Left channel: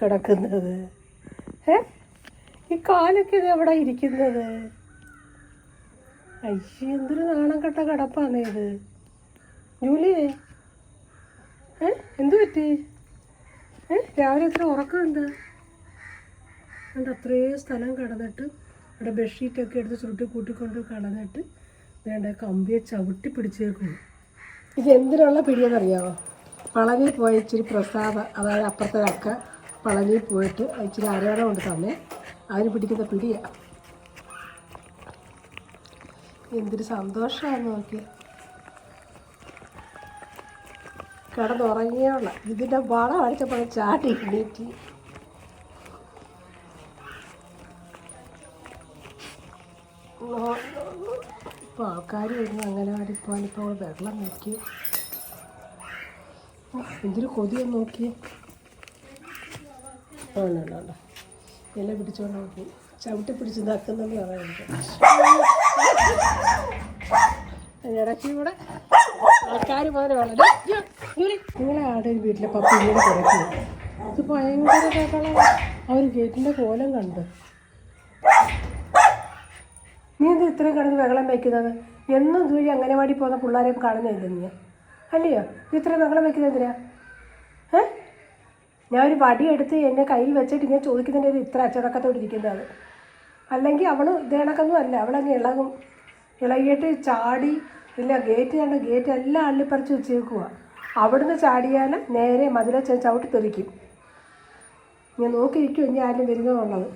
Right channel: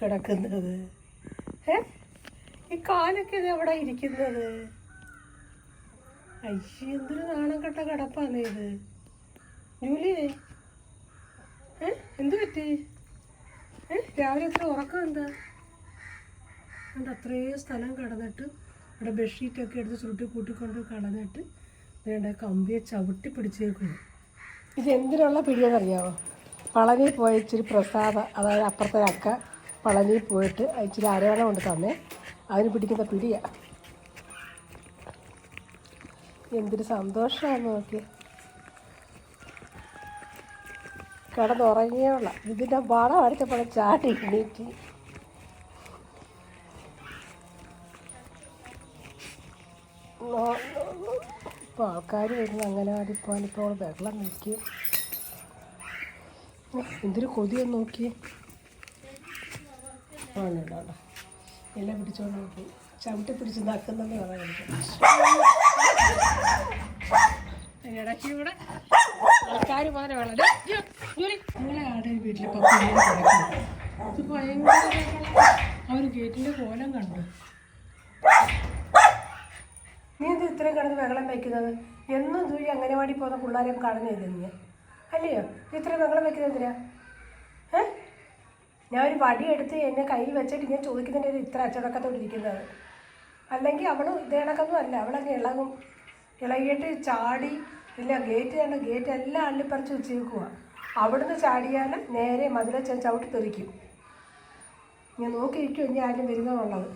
കിടക്കുന്നത്? ഈ കാലൊക്കെ ഇത് എവിടെ ഇരിക്കുന്നത്? അയ്യ, എന്തൊരു നാണം കെട്ട കിടപ്പാണ് ഇത്. ജൂലിയേ, എന്തു പറ്റി? രാവിലെ ഇത്ര ഉറക്കം എന്താ? അതുകൊണ്ട് അത്രയും സ്ഥലം കിടന്നിട്ട് ഇവിടെ ബെഡ്ഷീറ്റൊക്കെ എടുത്ത് ചുരുട്ടി കൂട്ടിക്കൊണ്ട് കിടന്നിട്ട് വേണ്ട കമ്പിയെ ചവിട്ടി പിടിച്ചേക്കുന്നു. ഇത് എന്തിനുള്ള പിടിയെന്നറിയാമോ? പളനി പോയ ഇച്ചിരി പ്രസാദം, അതായത് അപ്പുറത്തെ അക്ക പളനി പോയിട്ട് ഇച്ചിരി അരവണ കൊണ്ട് തന്നെ അതിന് പിടിക്കുന്ന പിടിയാണ്. എന്തൊരു സന്തോഷമാണ് നോക്കി. കിടന്നുറങ്ങിയുള്ള ഇതിൻ്റെ വളം അടിച്ചപ്പോൾ ചാടി എണീറ്റ്. ഇപ്പോൾ ആൾക്കാർ വരുന്ന അങ്ങനെ പോകാനിപ്പോൾ വെള്ളം നോക്കി. എന്തൊരു കൊതിയെന്ന് നോക്കി. ആണല്ലോ ഇല പിടിച്ചോണ്ട് നോക്കി ചവിട്ടി പിടിച്ച് നക്കുന്നെന്ന് പറയുന്നത്. ഇടയ്ക്ക് ഇവിടെ ആൾക്കാർ പോലെ വെള്ളം നിങ്ങളെ ആടെ വീട്ടിലെ പപ്പ വീട് കിടക്കുന്നു. ഇത് ഭയങ്കര അവർ ഗേറ്റിൻ്റെ കോലം കണ്ട്. നീ ഇത് ഇത്രയും കിടന്ന് വെള്ളം വയ്ക്കുന്നത്? എന്നും ദൂരെ അംഗനവാടി പോകുന്ന പിള്ളേരെ കാണുന്നില്ല നീ, അല്ലയോ? ഇത്രയും വെള്ളം വയ്ക്കുന്നത് എന്തിനാ? ഞാനൊരു വടിയെടുത്ത് എന്നെ കയ്യിൽ വെച്ചിട്ട് ഇങ്ങനെ ചോദിക്കുന്നതിൻ്റെ ഇത്ര അച്ചടക്കത്തോടെ ഇരിക്കുന്നത്. അല്ലെങ്കിൽ അവൾ ഇത് കണക്കൊന്നും അല്ല, അവളങ്ങ് ഇളകിയിട്ട് ചാടി. ഇല്ല, ഗേറ്റ് എല്ലാം അള്ളിപ്പറിച്ച് വെച്ചേക്കുക. അവിടുന്ന് ചാടിയാൽ നേരെ മതിലെ ചവിട്ടി തെറിക്കും. ഞാൻ നോക്കിയിരിക്കും ഇനി ആരും വരിക ഉള്ളത്.